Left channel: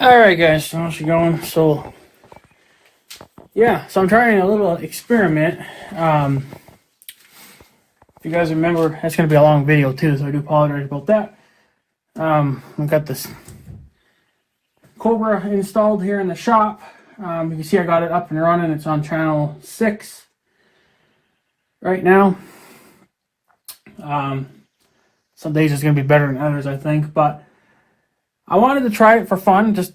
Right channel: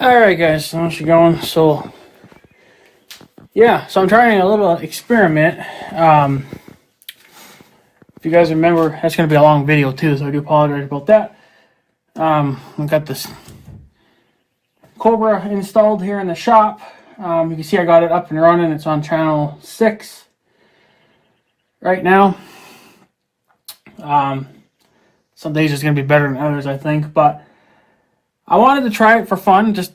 Alright guys, so how's it going? So yeah, so I'm trying a little experiment. If you guys remember, that's going to be a long video too, so I do apologize about that. I've got this Cobra installed here in the shop. You can see I got it up and running. It's on channel 6 right now. Some days it's going to be better than others, I think, but I wanted to try it for fun, just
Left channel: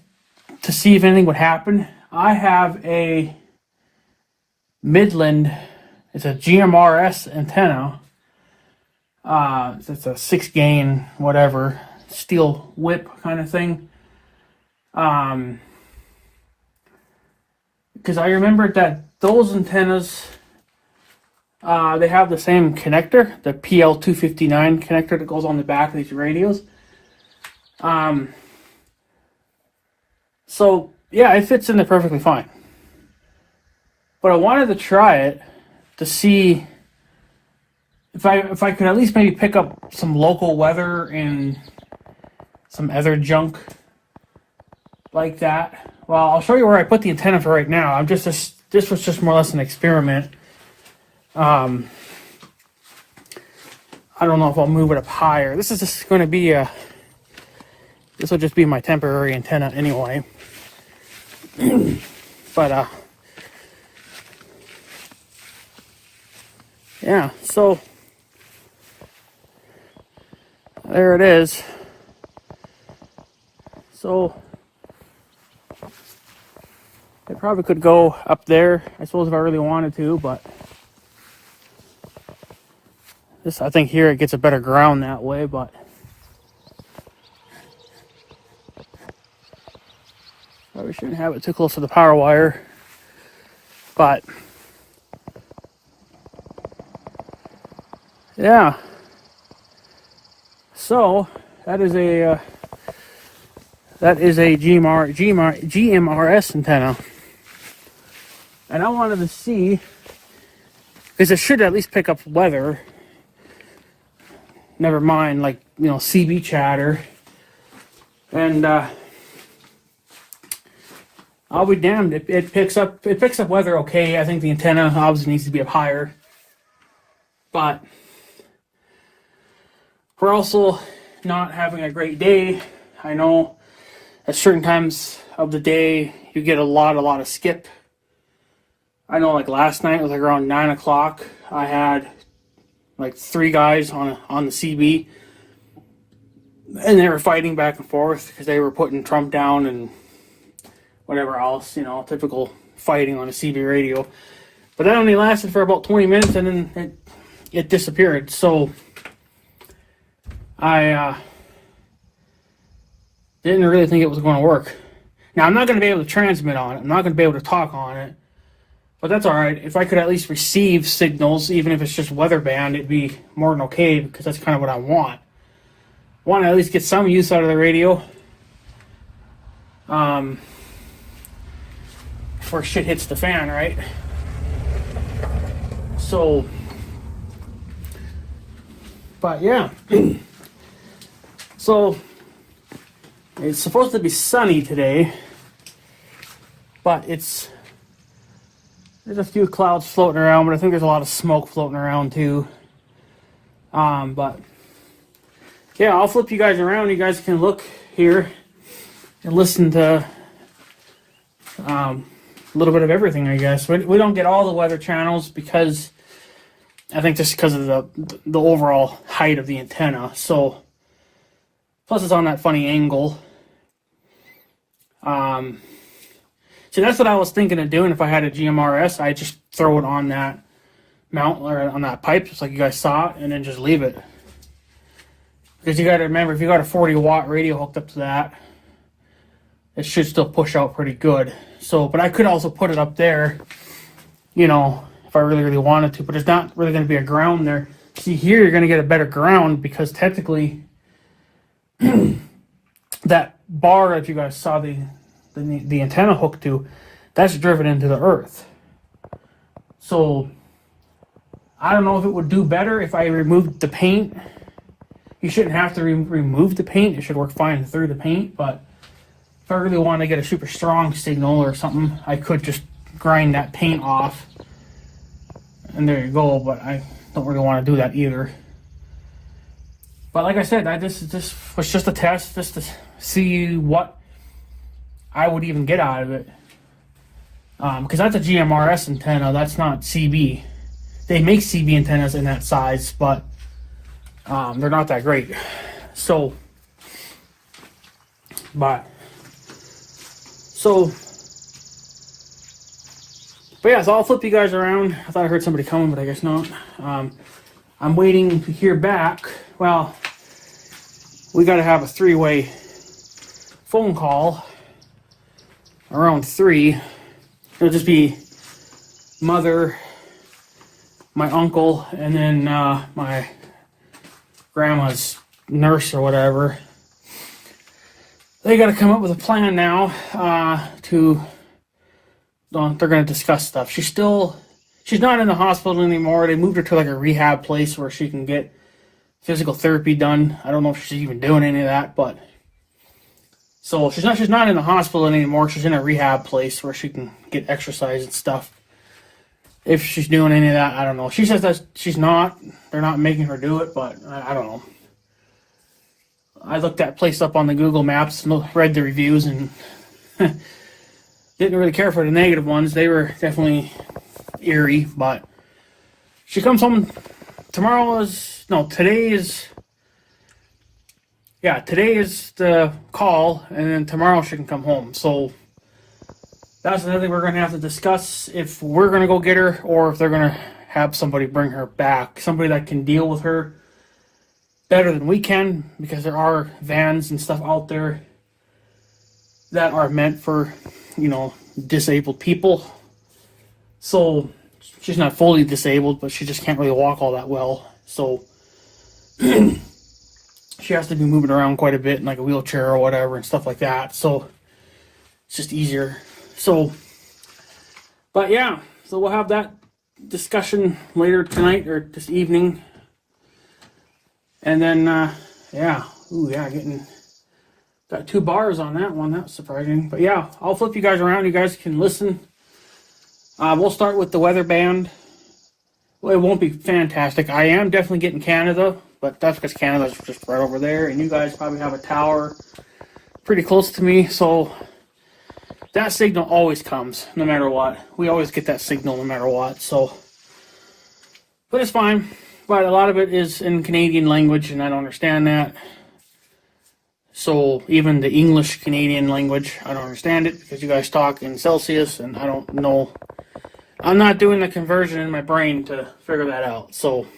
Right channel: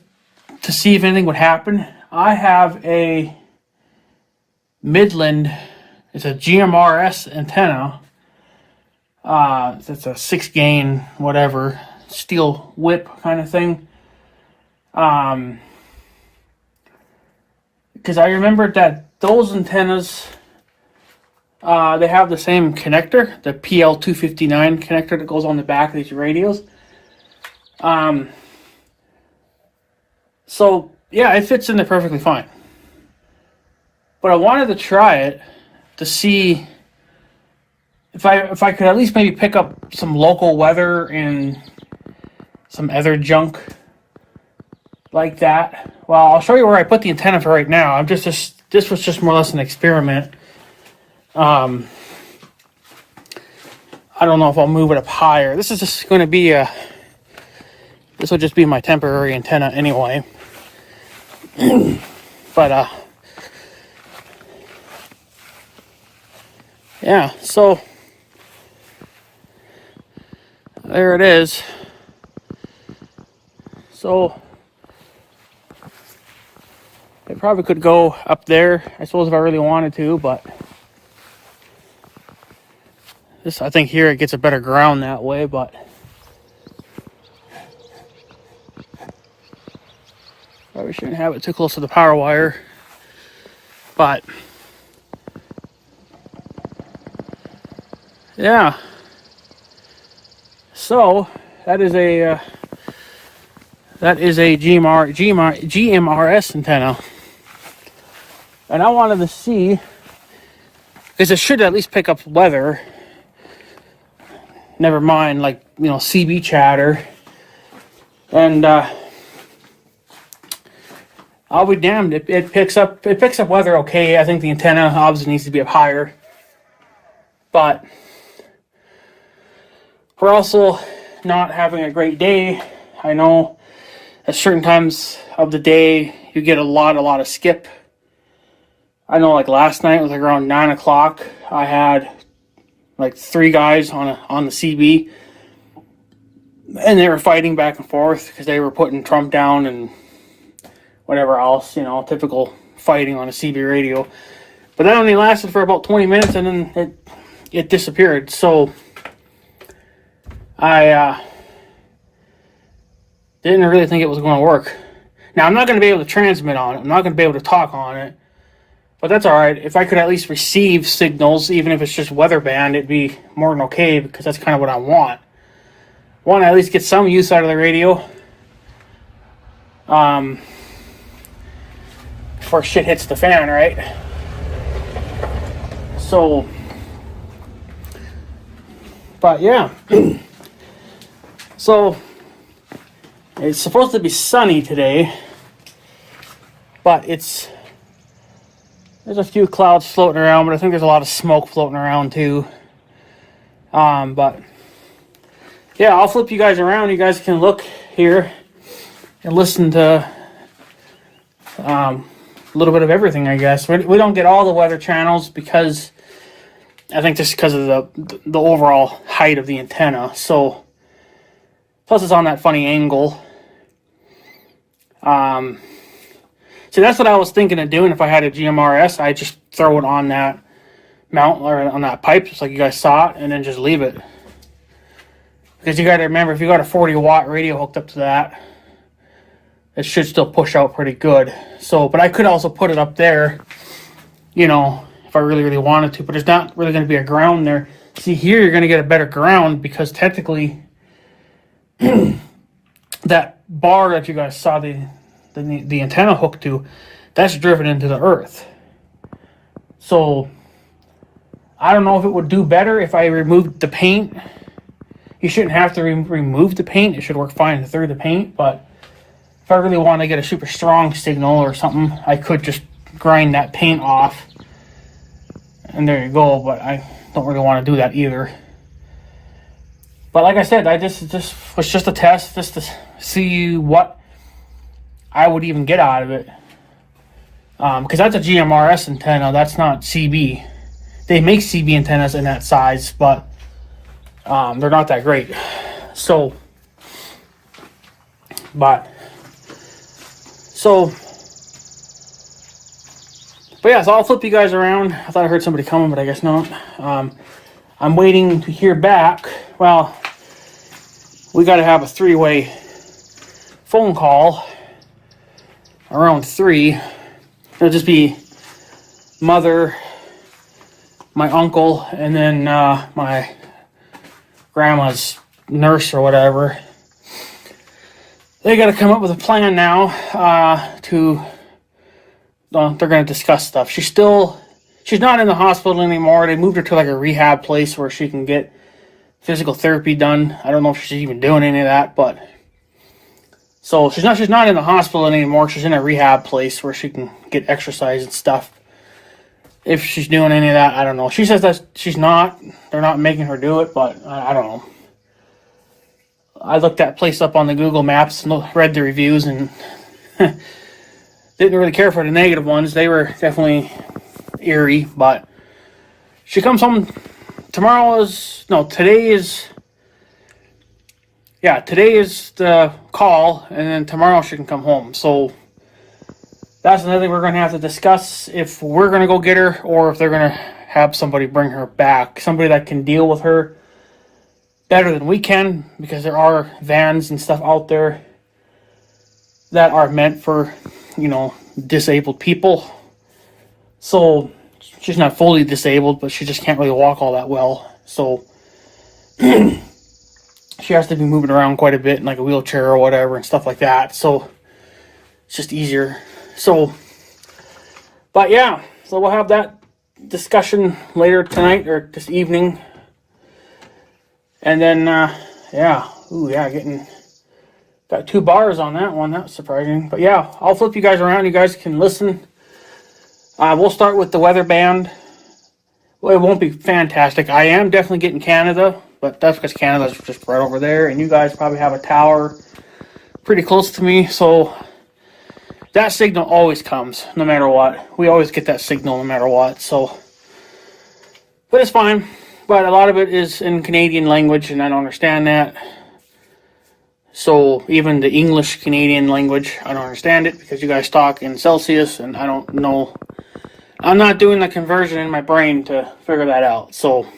to see if anything would happen. I have a Midland, it's a GMRS antenna. It's a 6-gain, whatever, steel whip kind of thing. Because I remembered that those antennas, they have the same connector, the PL259 connector that goes on the back of these radios. So yeah, it fits in there perfectly fine. But I wanted to try it to see if I could at least maybe pick up some local weather and some other junk like that. Well, I'll show you where I put the antenna for right now. This was just more or less an experiment. I don't know if I'll move it up higher. This is just going to be this will just be my temporary antenna anyway. But yeah, so there it is. So it probably could go up there, I suppose, if I really wanted to, but this, I think here it gets a better ground that way, but probably shouldn't have it too close to the power wire. But yeah, so that is a GMRS antenna, and I wanted to see, because it should at least pick up weather. Never mind, like, you know, CB chatter, and I'll be damned. It picks up weather okay. I think the antenna obviously needs to be up higher, but we're also not having a great day. I know at certain times of the day you get a lot of skip. I know, like last night, it was like around 9 o'clock. I had like 3 guys on the CB, and they were fighting back and forth because they were putting Trump down and whatever else, you know, typical fighting on a CB radio. But that only lasted for about 20 minutes, and then it disappeared. So I didn't really think it was going to work. Now, I'm not going to be able to transmit on it. I'm not going to be able to talk on it. But that's all right. If I could at least receive signals, even if it's just weather band, it'd be more than okay, because that's kind of what I want. I want to at least get some use out of the radio. Before shit hits the fan, right? So, but yeah. So, it's supposed to be sunny today, but there's a few clouds floating around, but I think there's a lot of smoke floating around too. But yeah, I'll flip you guys around. You guys can look here and listen to a little bit of everything, I guess. We don't get all the weather channels because I think just because of the overall height of the antenna. So plus it's on that funny angle. So that's what I was thinking of doing if I had a GMRS. I just throw it on that mount or on that pipe, just like you guys saw it, and then just leave it. Because you got to remember, if you got a 40-watt radio hooked up to that, it should still push out pretty good. So, but I could also put it up there, you know, if I really wanted to. But there's not really going to be a ground there. See, here you're going to get a better ground because technically that bar that you guys saw the antenna hooked to, that's driven into the earth. So I don't know if it would do better if I removed the paint. You shouldn't have to remove the paint. It should work fine through the paint, but if I really want to get a super strong signal or something, I could just grind that paint off. And there you go, but I don't really want to do that either. But like I said, I just was just a test, just to see what I would even get out of it. Because that's a GMRS antenna, that's not CB. They make CB antennas in that size, but they're not that great. So, but yeah, so I'll flip you guys around. I thought I heard somebody coming, but I guess not. I'm waiting to hear back. Well, we got to have a 3-way phone call around 3. It'll just be mother, my uncle, and then my grandma's nurse or whatever. They got to come up with a plan now they're going to discuss stuff. She's not in the hospital anymore. They moved her to like a rehab place where she can get physical therapy done. I don't know if she's even doing any of that, but so she's not in the hospital anymore. She's in a rehab place where she can get exercise and stuff. If she's doing any of that, I don't know. She says that she's not. They're not making her do it, but I don't know. I looked that place up on the Google Maps and read the reviews and didn't really care for the negative ones. They were definitely eerie, but she comes home today is the call, and then tomorrow she can come home. So that's another thing we're going to have to discuss, if we're going to go get her or if they're going to have somebody bring her back. Somebody that can deal with her better than we can, because there are vans and stuff out there that are meant for, disabled people. So she's not fully disabled, but she just can't really walk all that well. So she has to be moving around quite a bit in like a wheelchair or whatever and stuff like that. So it's just easier. So, but yeah, so we'll have that discussion later tonight or this evening. And then, got 2 bars on that one. That's surprising. But yeah, I'll flip you guys around. You guys can listen. We'll start with the weather band. Well, it won't be fantastic. I am definitely getting Canada, but that's because Canada's just right over there. And you guys probably have a tower pretty close to me. So that signal always comes, no matter what. We always get that signal no matter what. So, but it's fine. But a lot of it is in Canadian language, and I don't understand that. So even the English Canadian language, I don't understand it, because you guys talk in Celsius, and I don't know. I'm not doing the conversion in my brain to figure that out. So,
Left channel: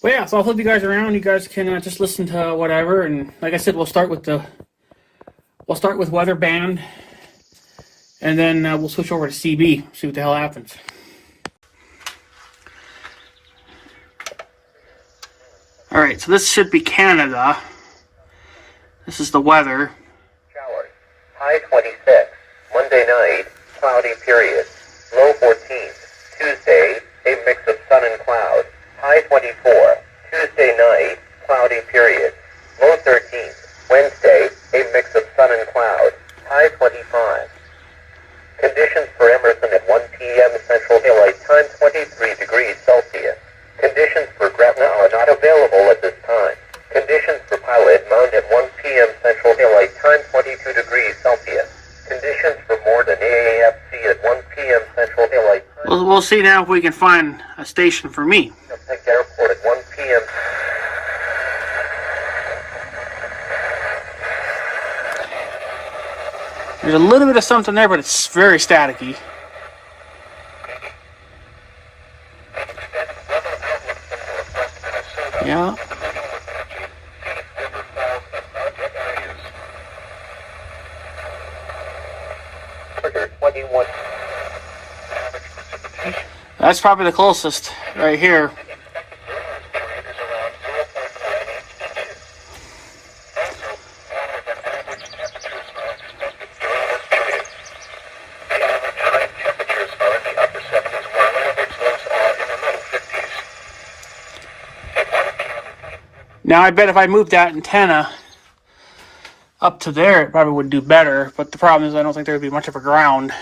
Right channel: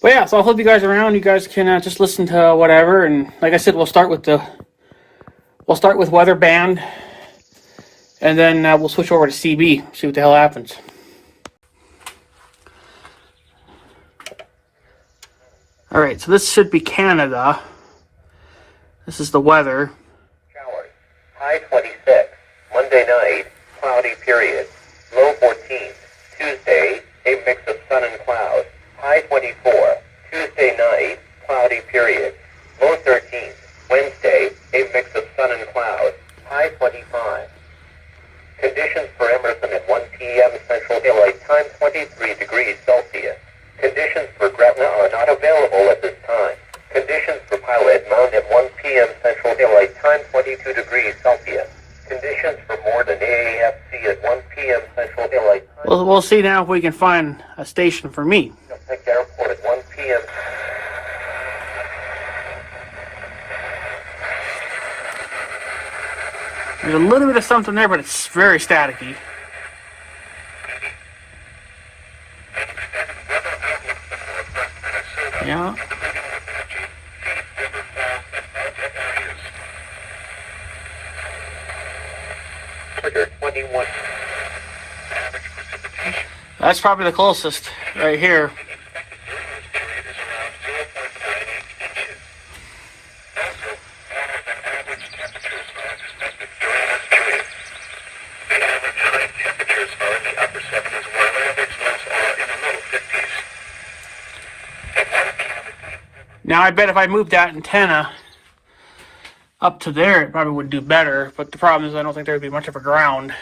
but yeah, so I'll flip you guys around. You guys can just listen to whatever, and like I said, we'll start with weather band, and then we'll switch over to CB, see what the hell happens. All right, so this should be Canada. This is the weather. Showers. High 26. Monday night, cloudy period. Low 14. Tuesday, a mix of sun and cloud. High 24. Tuesday night, cloudy period. Low 13. Wednesday, a mix of sun and cloud. High 25. Conditions for Emerson at 1 p.m. Central Daylight Time, 23 degrees Celsius. Conditions for Gretna are not available at this time. Conditions for Pilot Mount at 1 p.m. Central Daylight Time, 22 degrees Celsius. Conditions for Morden AAFC at 1 p.m. Central Daylight Time. We'll see now if we can find a station for me. Airport at 1 p.m. There's a little bit of something there, but it's very staticky. Yeah. 21. That's probably the closest right here. Now I bet if I moved that antenna up to there, it probably would do better. But the problem is I don't think there would be much of a ground.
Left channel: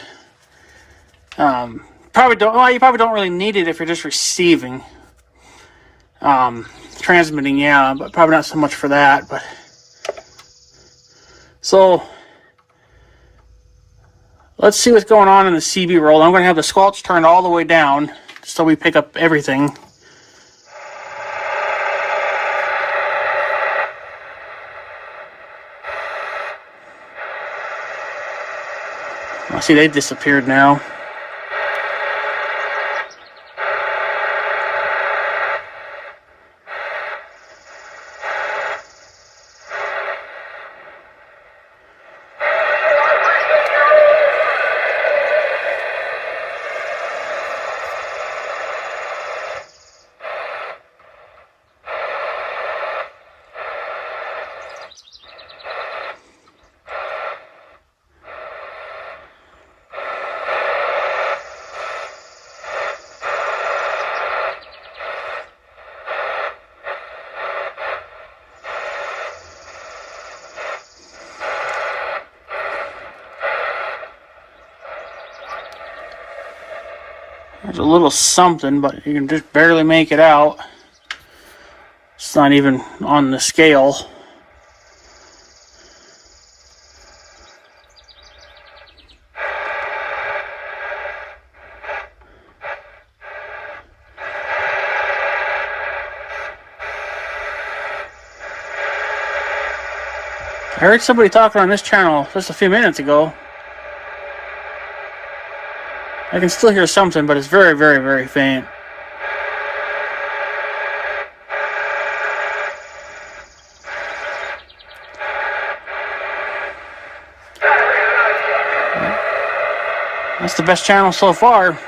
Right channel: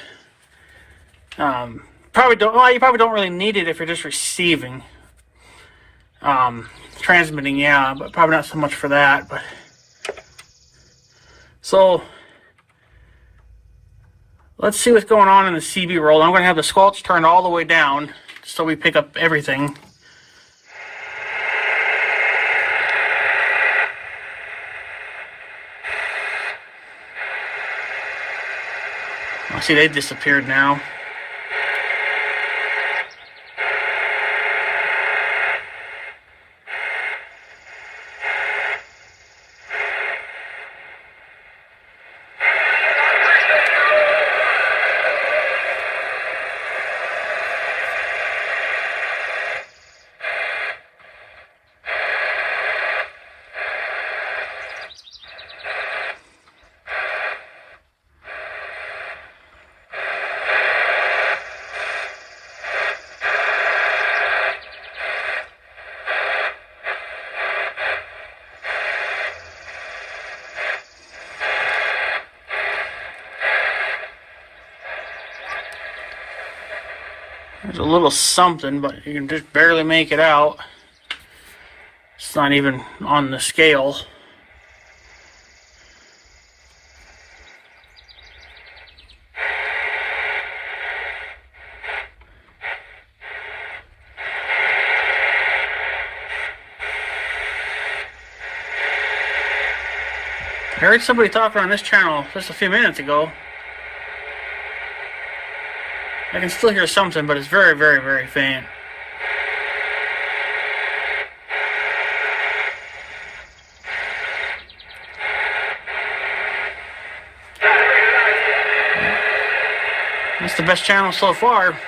Probably don't. Well, you probably don't really need it if you're just receiving. Transmitting, yeah, but probably not so much for that. But so let's see what's going on in the CB roll. I'm going to have the squelch turned all the way down so we pick up everything. I see they disappeared now. There's a little something, but you can just barely make it out. It's not even on the scale. I heard somebody talking on this channel just a few minutes ago. I can still hear something, but it's very, very, very faint. That's the best channel so far.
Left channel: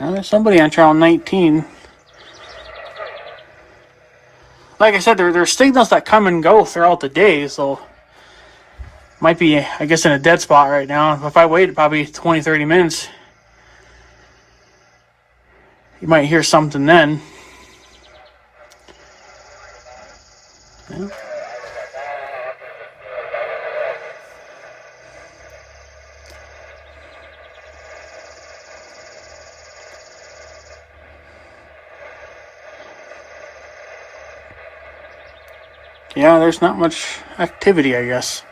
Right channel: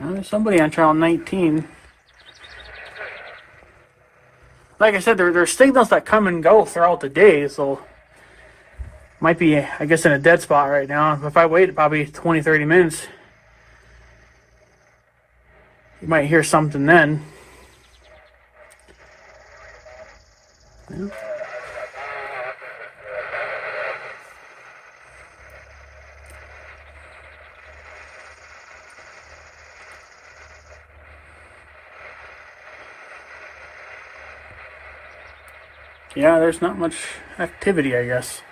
Well, there's somebody on channel 19. Like I said, there's signals that come and go throughout the day, so might be, I guess, in a dead spot right now. If I wait probably 20, 30 minutes, you might hear something then. Yeah. Yeah, there's not much activity, I guess.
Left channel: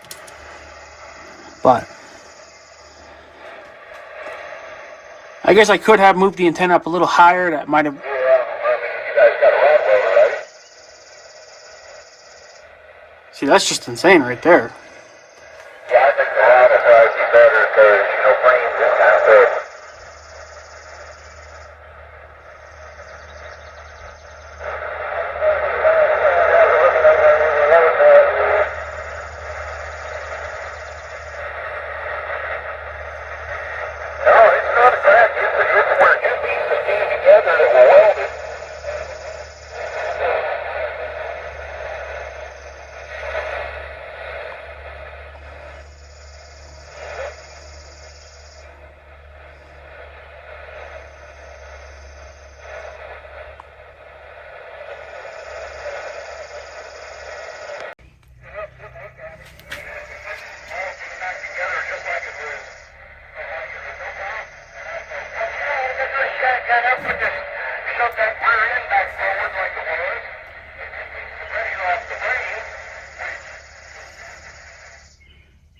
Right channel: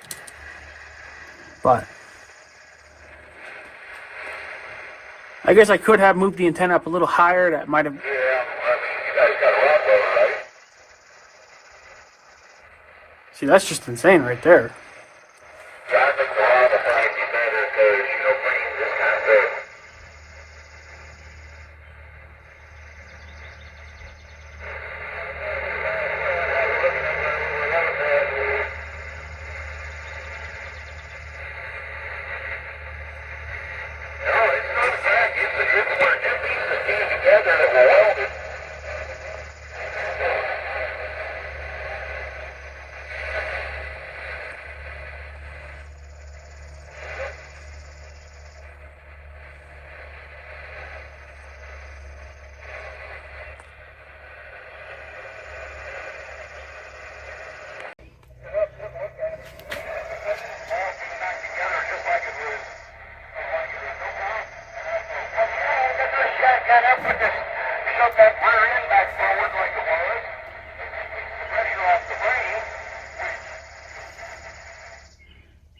But I guess I could have moved the antenna up a little higher. That might have. Yeah, I mean, you guys got a rod roller, right? See, that's just insane right there. Yeah, I think the rod will probably be better because, brains is kind of big.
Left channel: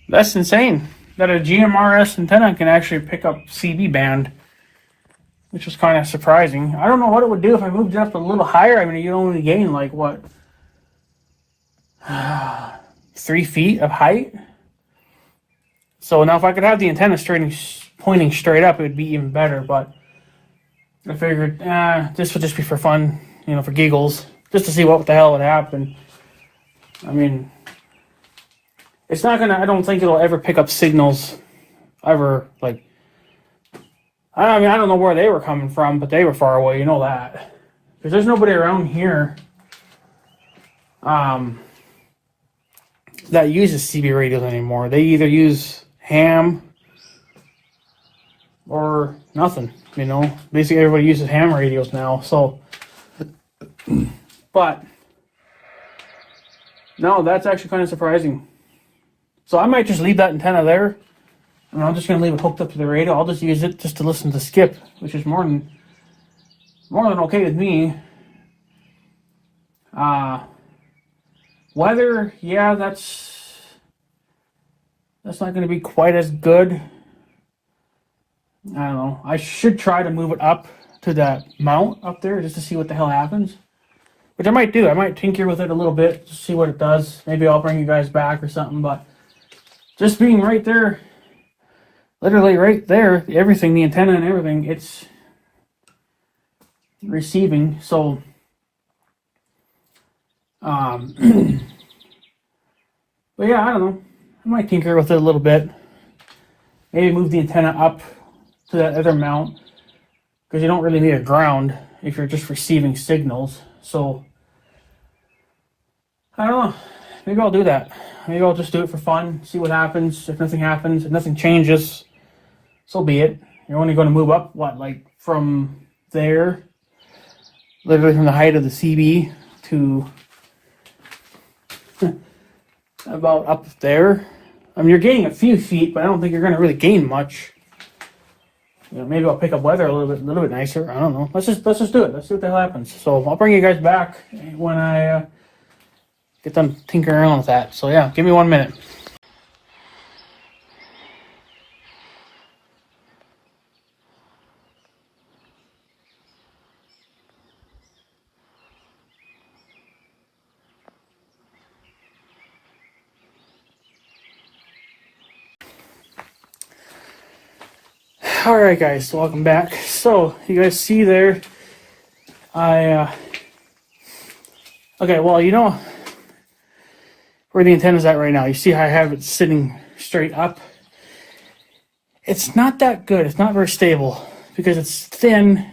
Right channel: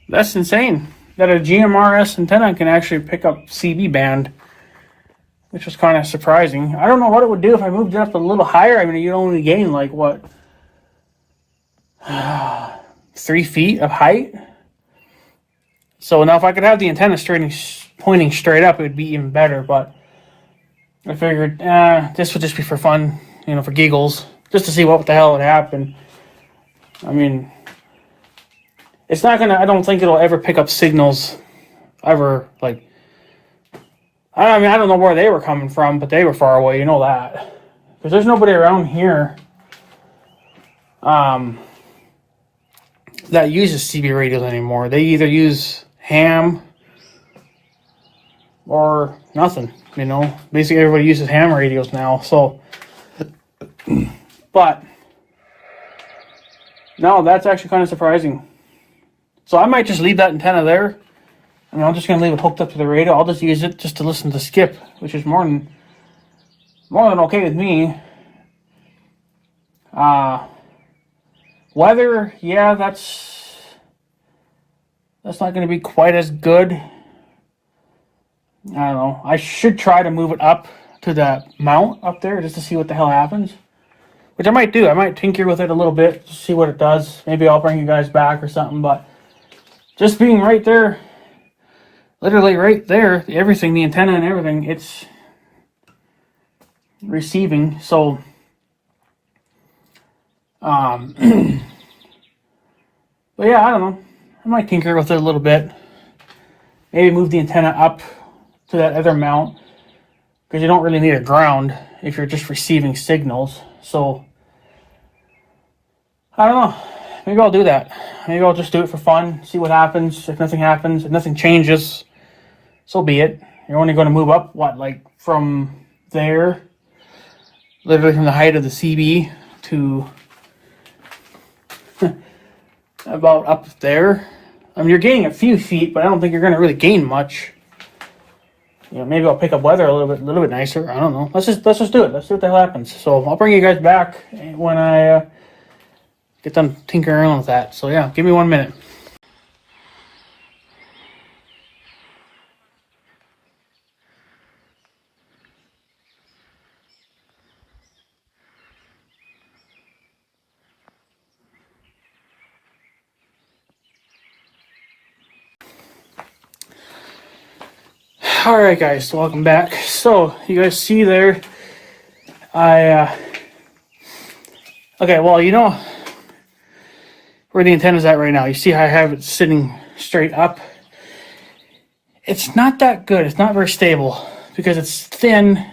That's insane. That a GMRS antenna can actually pick up CB band, which was kind of surprising. I don't know what it would do if I moved it up a little higher. I mean, you'd only gain like what, 3 feet of height. So now if I could have the antenna pointing straight up, it would be even better. But I figured, this would just be for fun, for giggles, just to see what the hell would happen. I mean, it's not gonna. I don't think it'll ever pick up signals, ever. Like, I mean, I don't know where they were coming from, but they were far away. You know that, because there's nobody around here that uses CB radios anymore. They either use ham or nothing. Basically everybody uses ham radios now. So, but no, that's actually kind of surprising. So I might just leave that antenna there. I mean, I'm just going to leave it hooked up to the radio. I'll just use it just to listen to Skip, which is more than okay with me. Weather, yeah, that's not going to be quite as good. I don't know. I should try to move it up to that mount up there just to see what the hell happens. Which I might do. I might tinker with it a little bit to see what it does. Maybe I'll bring you guys back or something, but just being right there, literally right there, everything, the antenna and everything, it's receiving. So, but yeah, I don't know. I might tinker with it a little bit. Maybe move the antenna up to that other mount, because you don't really need a ground if you're just receiving signals. So, I don't know. Maybe I'll do that. Maybe I'll just do it for fun, see what happens. If nothing happens, if nothing changes, so be it. You're only going to move up, like from there, literally from the height of the CB to about up there. I mean, you're gaining a few feet, but I don't think you're going to really gain much. Maybe I'll pick up weather a little bit nicer. I don't know. Let's just do it. Let's see what the hell happens. So I'll bring you guys back when I get done tinkering around with that. So yeah, give me 1 minute. All right, guys, so welcome back. So you guys see there, okay, well, where the antenna's at right now. You see how I have it sitting straight up? It's not that good. It's not very stable because it's thin,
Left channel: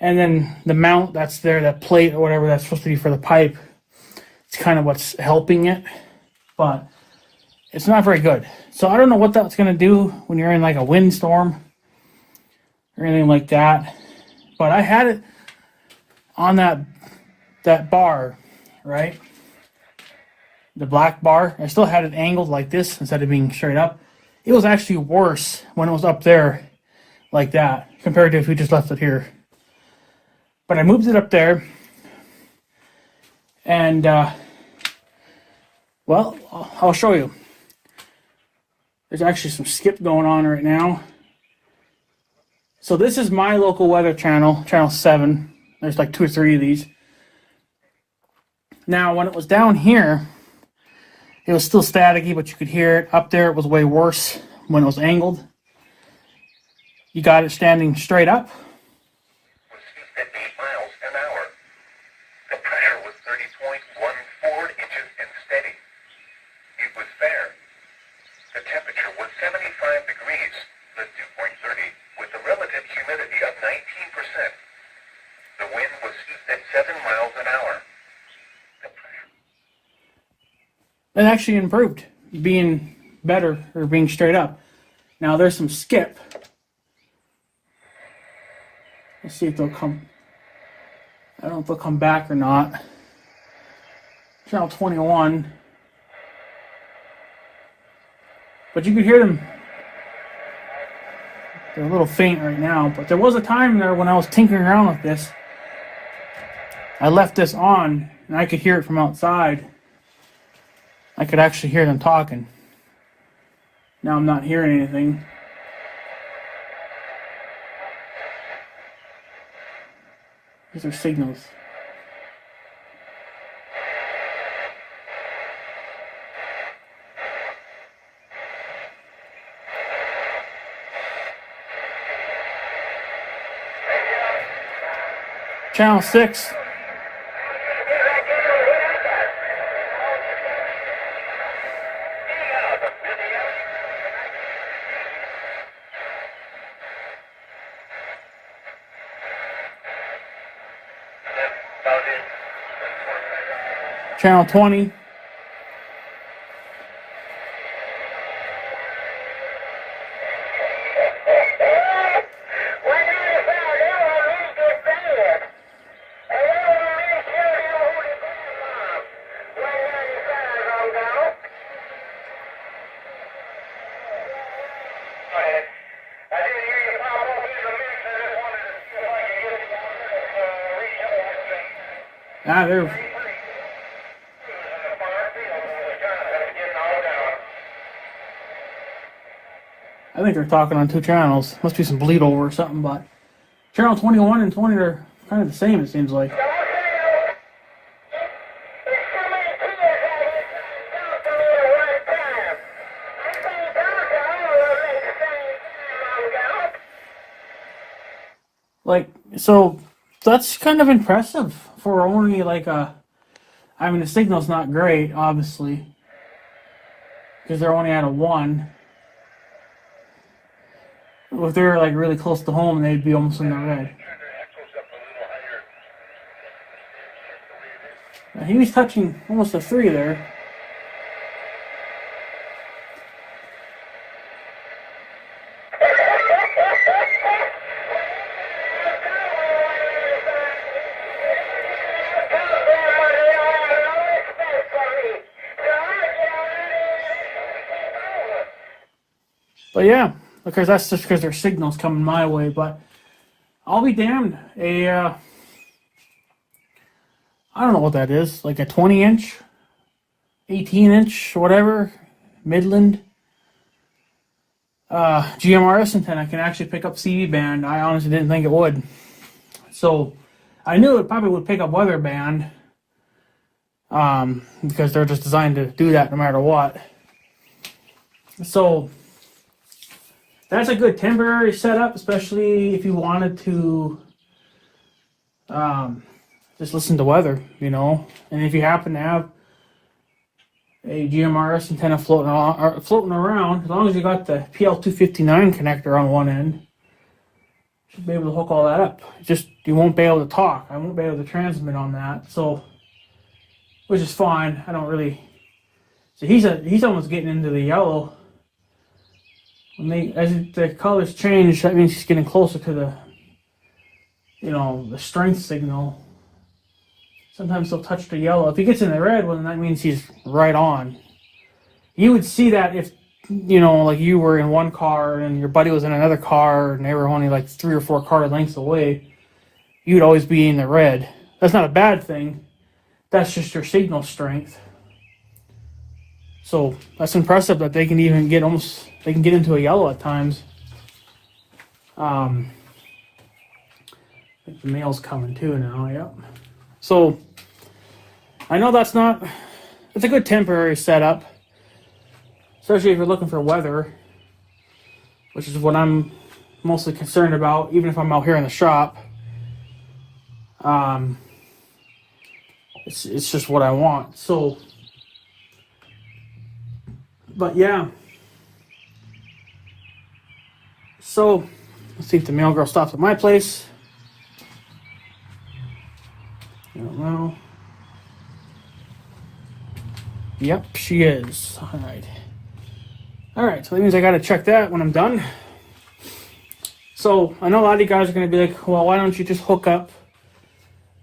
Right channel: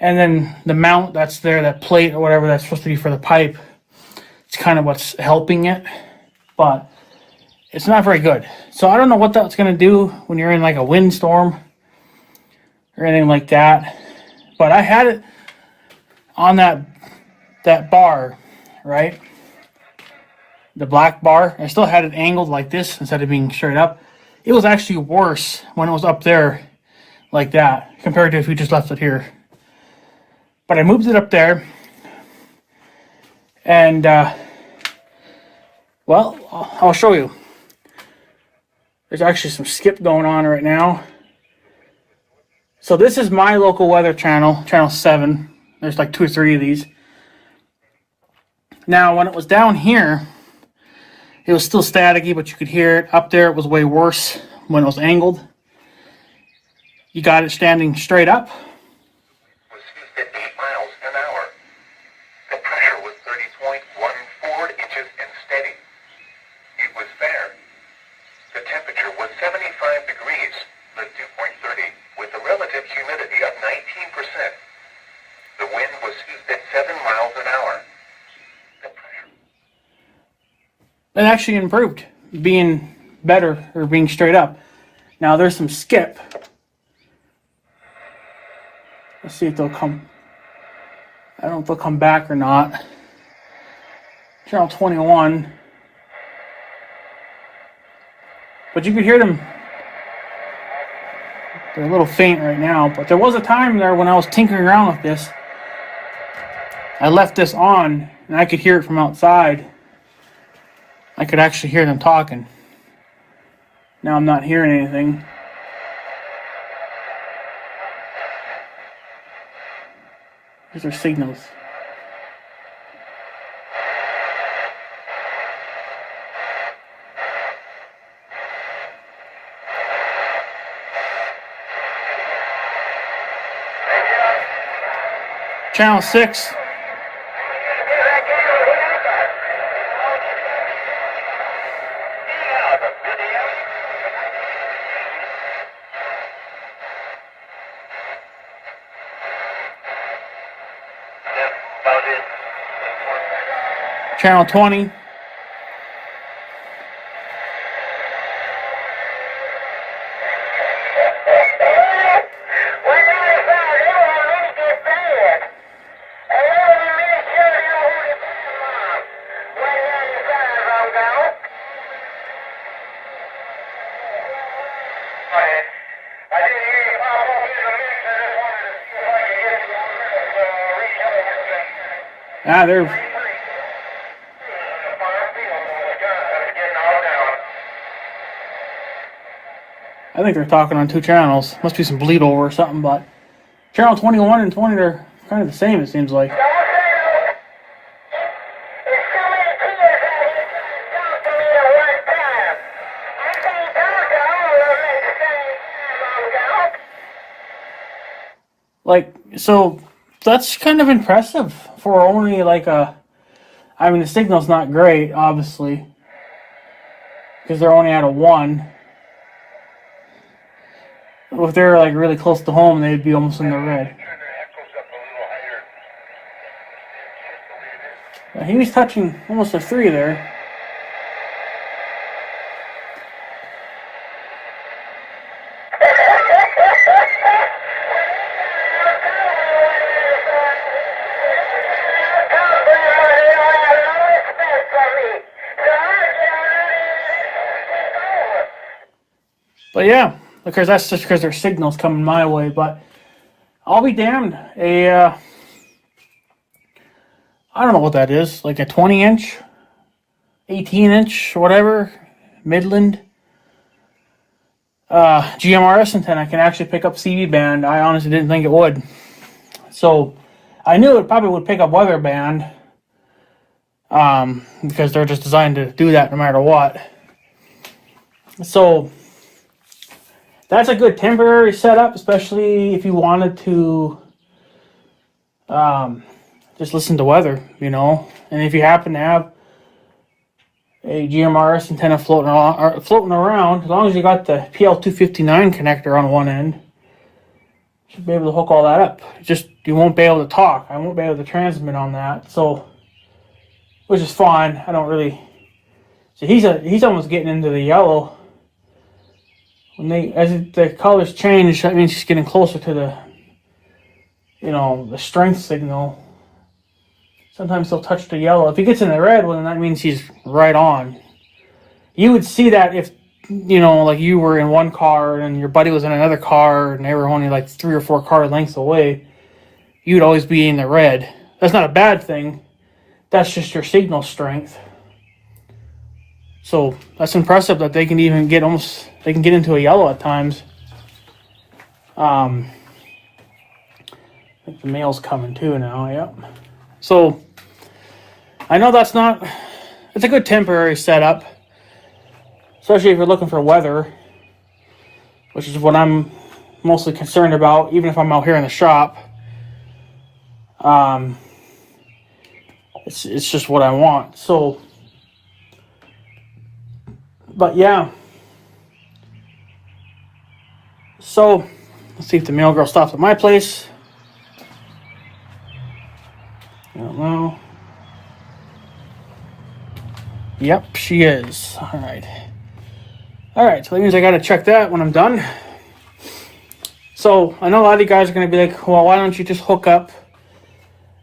and then the mount that's there, that plate or whatever that's supposed to be for the pipe, it's kind of what's helping it, but it's not very good. So I don't know what that's going to do when you're in like a windstorm or anything like that. But I had it on that bar, right? The black bar. I still had it angled like this instead of being straight up. It was actually worse when it was up there like that compared to if we just left it here. But I moved it up there. And, well, I'll show you. There's actually some skip going on right now. So this is my local weather channel, channel 7. There's like 2 or 3 of these. Now, when it was down here, it was still staticky, but you could hear it. Up there, it was way worse when it was angled. You got it standing straight up. Was 8 miles an hour. The pressure was 30.14 inches and steady. It was fair. The temperature was 75 degrees, the dew point 30, with a relative humidity of 19%. The wind was 7 miles an hour. The pressure. It actually improved, being better or being straight up. Now there's some skip. Let's see if they'll come. I don't know if they'll come back or not. Channel 21. But you could hear them. They're a little faint right now, but there was a time there when I was tinkering around with this. I left this on, and I could hear it from outside. I could actually hear them talking. Now I'm not hearing anything. These are signals. Channel 6. Channel 20. Ah, they're... I think they're talking on two channels. Must be some bleed over or something, but channel 21 and 20 are kind of the same, it seems like. Like, so that's kind of impressive for only like a... I mean, the signal's not great, obviously, because they're only at a 1. If they were like really close to home, they'd be almost in the red. He was touching almost a 3 there. But yeah, because that's just because their signal's coming my way. But I'll be damned. I don't know what that is. Like a 20-inch, 18-inch, whatever, Midland GMRS antenna can actually pick up CV band. I honestly didn't think it would. So I knew it probably would pick up weather band, because they're just designed to do that no matter what. So that's a good temporary setup, especially if you wanted to just listen to weather, you know. And if you happen to have a GMRS antenna floating around, as long as you got the PL259 connector on one end, you should be able to hook all that up. Just you won't be able to talk. I won't be able to transmit on that, so which is fine. I don't really. So he's almost getting into the yellow. As the colors change, that means he's getting closer to the, you know, the strength signal. Sometimes he'll touch the yellow. If he gets in the red, well, then that means he's right on. You would see that if, you know, like you were in one car and your buddy was in another car and they were only like 3 or 4 car lengths away, you'd always be in the red. That's not a bad thing. That's just your signal strength. So that's impressive that they can even get they can get into a yellow at times. I think the mail's coming too now, yep. So I know it's a good temporary setup, especially if you're looking for weather, which is what I'm mostly concerned about, even if I'm out here in the shop. It's just what I want. So, but yeah. So, let's see if the mail girl stops at my place. I don't know. Yep, she is. Alright, so that means I gotta check that when I'm done. So, I know a lot of you guys are gonna be like, well, why don't you just hook up?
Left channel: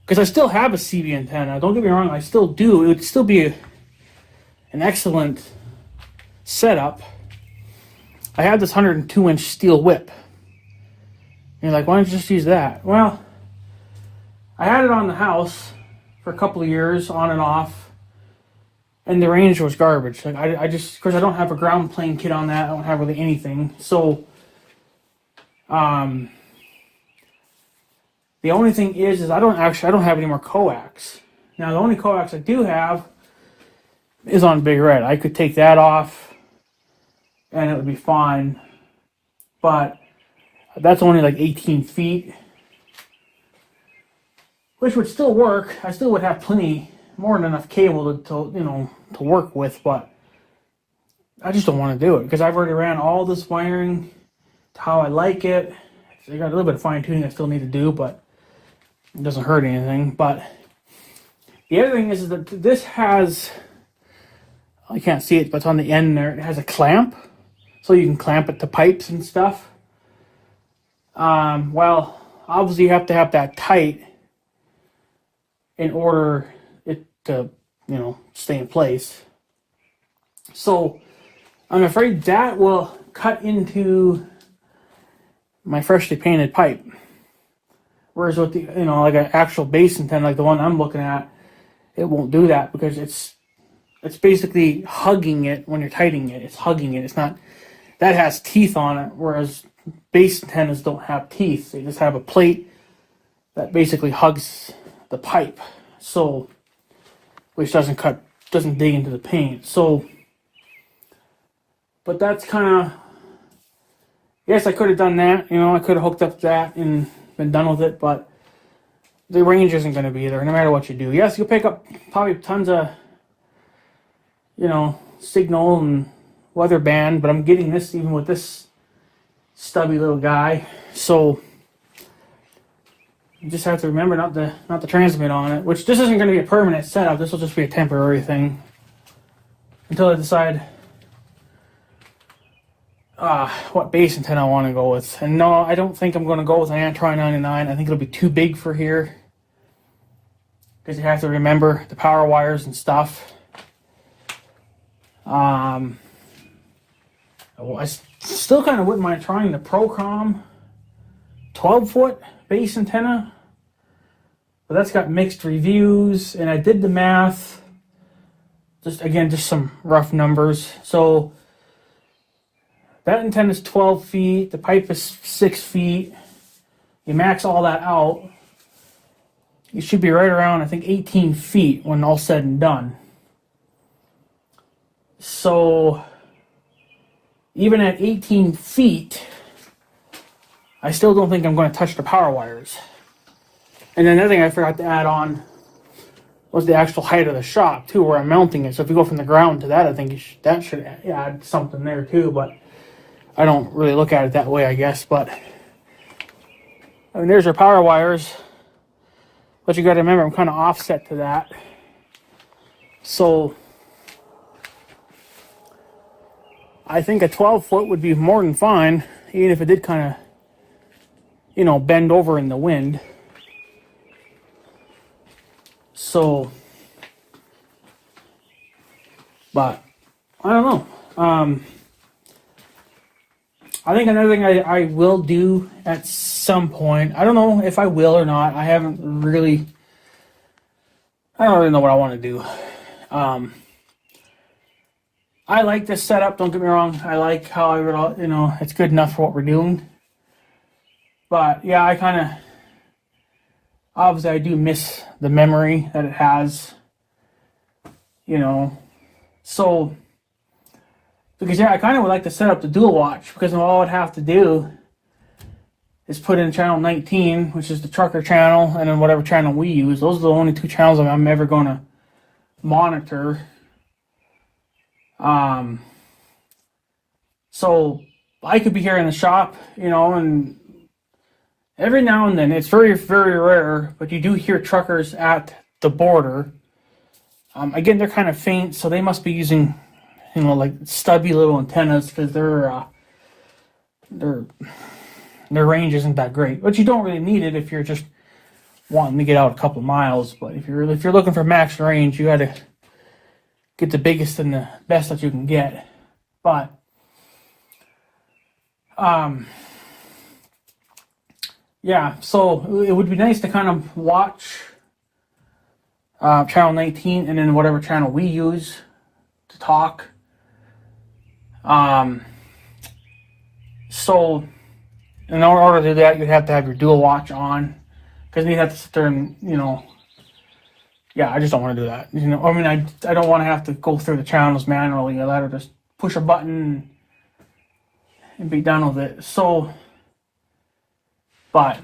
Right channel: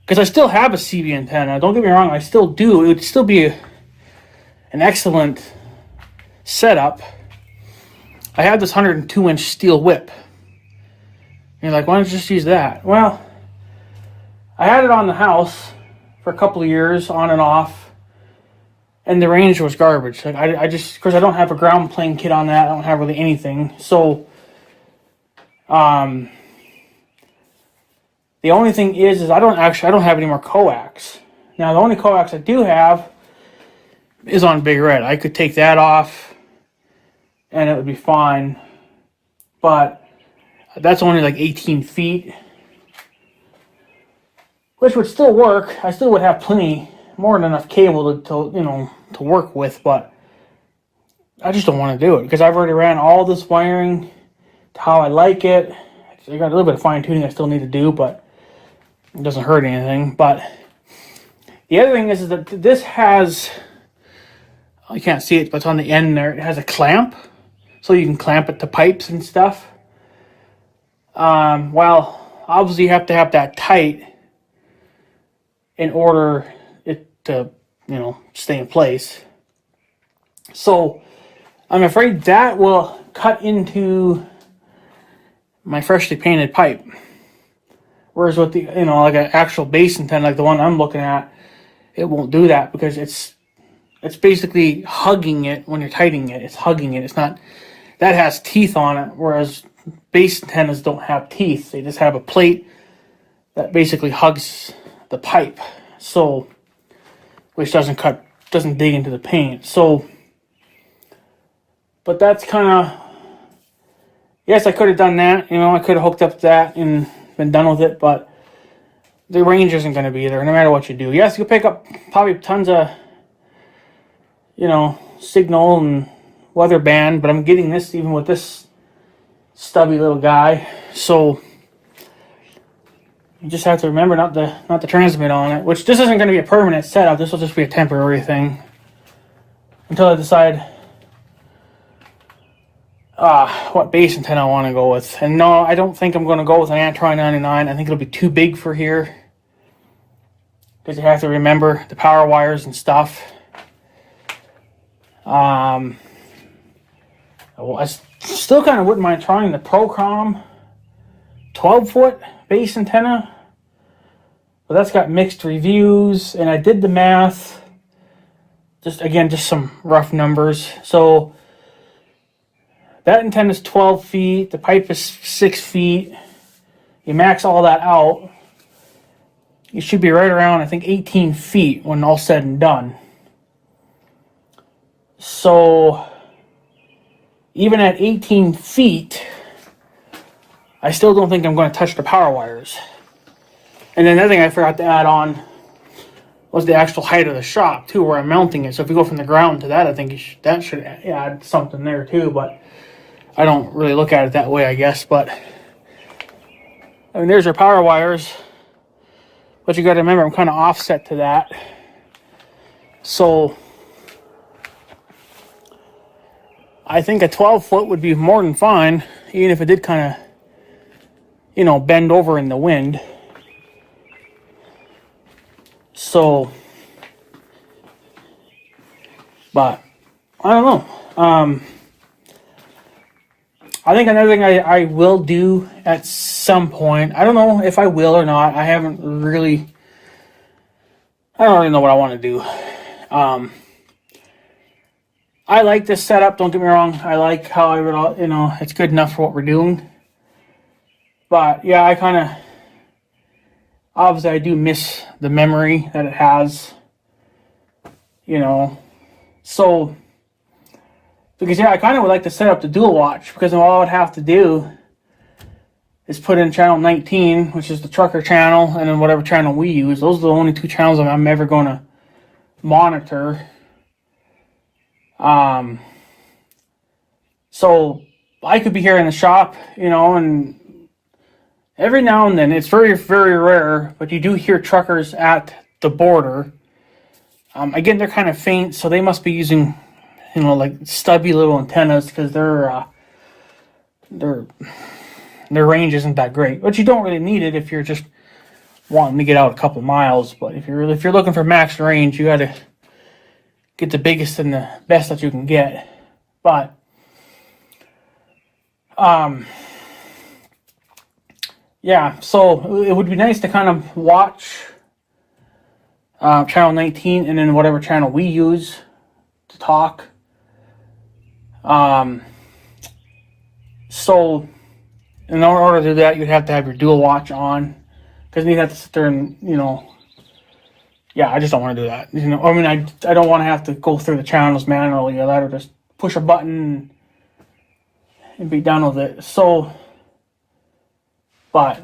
Because I still have a CV antenna. Don't get me wrong, I still do. It would still be an excellent setup. I have this 102-inch steel whip. And you're like, why don't you just use that? Well, I had it on the house for a couple of years, on and off. and the range was garbage. Like I just, because I don't have a ground plane kit on that, I don't have really anything. So, the only thing is I don't have any more coax. Now the only coax I do have is on Big Red. I could take that off, and it would be fine. But that's only like 18 feet, which would still work. I still would have plenty, more than enough cable to work with, but I just don't want to do it because I've already ran all this wiring to how I like it. I got a little bit of fine tuning I still need to do, but it doesn't hurt anything. But the other thing is that this has, I can't see it, but it's on the end there. It has a clamp, so you can clamp it to pipes and stuff. Well, obviously you have to have that tight in order it to, stay in place. So I'm afraid that will cut into my freshly painted pipe. Whereas with the, like an actual base antenna, like the one I'm looking at, it won't do that because it's basically hugging it when you're tightening it. It's hugging it. It's not, that has teeth on it, whereas base antennas don't have teeth. They just have a plate that basically hugs the pipe. So, which doesn't dig into the paint. So, but that's kind of, yes, I could have done that. I could have hooked up that and been done with it, but the range isn't going to be there no matter what you do. Yes, you'll pick up probably tons of, signal and weather band, but I'm getting this even with this stubby little guy. So you just have to remember not to transmit on it, which this isn't going to be a permanent setup. This will just be a temporary thing until I decide what base antenna I want to go with. And no, I don't think I'm going to go with an Antron 99. I think it'll be too big for here because you have to remember the power wires and stuff. I still kind of wouldn't mind trying the Procom 12-foot base antenna, but that's got mixed reviews, and I did the math. Just some rough numbers. So that antenna is 12 feet. The pipe is 6 feet. You max all that out, you should be right around, I think, 18 feet when all said and done. So even at 18 feet, I still don't think I'm going to touch the power wires. And then another thing I forgot to add on was the actual height of the shop too, where I'm mounting it. So if you go from the ground to that, I think that should add something there too. But I don't really look at it that way, I guess. But I mean, there's your power wires. But you got to remember, I'm kind of offset to that. So I think a 12-foot would be more than fine, even if it did kind of, bend over in the wind. So, but I don't know. I think another thing I will do at some point, I don't know if I will or not. I don't really know what I want to do. I like this setup, don't get me wrong. I like how it's good enough for what we're doing. But yeah, obviously I do miss the memory that it has, So, because yeah, I kind of would like to set up the dual watch, because all I would have to do is put in channel 19, which is the trucker channel, and then whatever channel we use. Those are the only two channels I'm ever going to monitor. So I could be here in the shop, and every now and then, it's very, very rare, but you do hear truckers at the border. Again, they're kind of faint, so they must be using, like stubby little antennas, because their range isn't that great. But you don't really need it if you're just wanting to get out a couple miles. But if you're looking for max range, you got to get the biggest and the best that you can get. But yeah, so it would be nice to kind of watch channel 19 and then whatever channel we use. to talk. So in order to do that, you'd have to have your dual watch on, because you'd have to sit there and, yeah, I just don't want to do that. I mean, I don't want to have to go through the channels manually. I'd rather just push a button and be done with it. So, but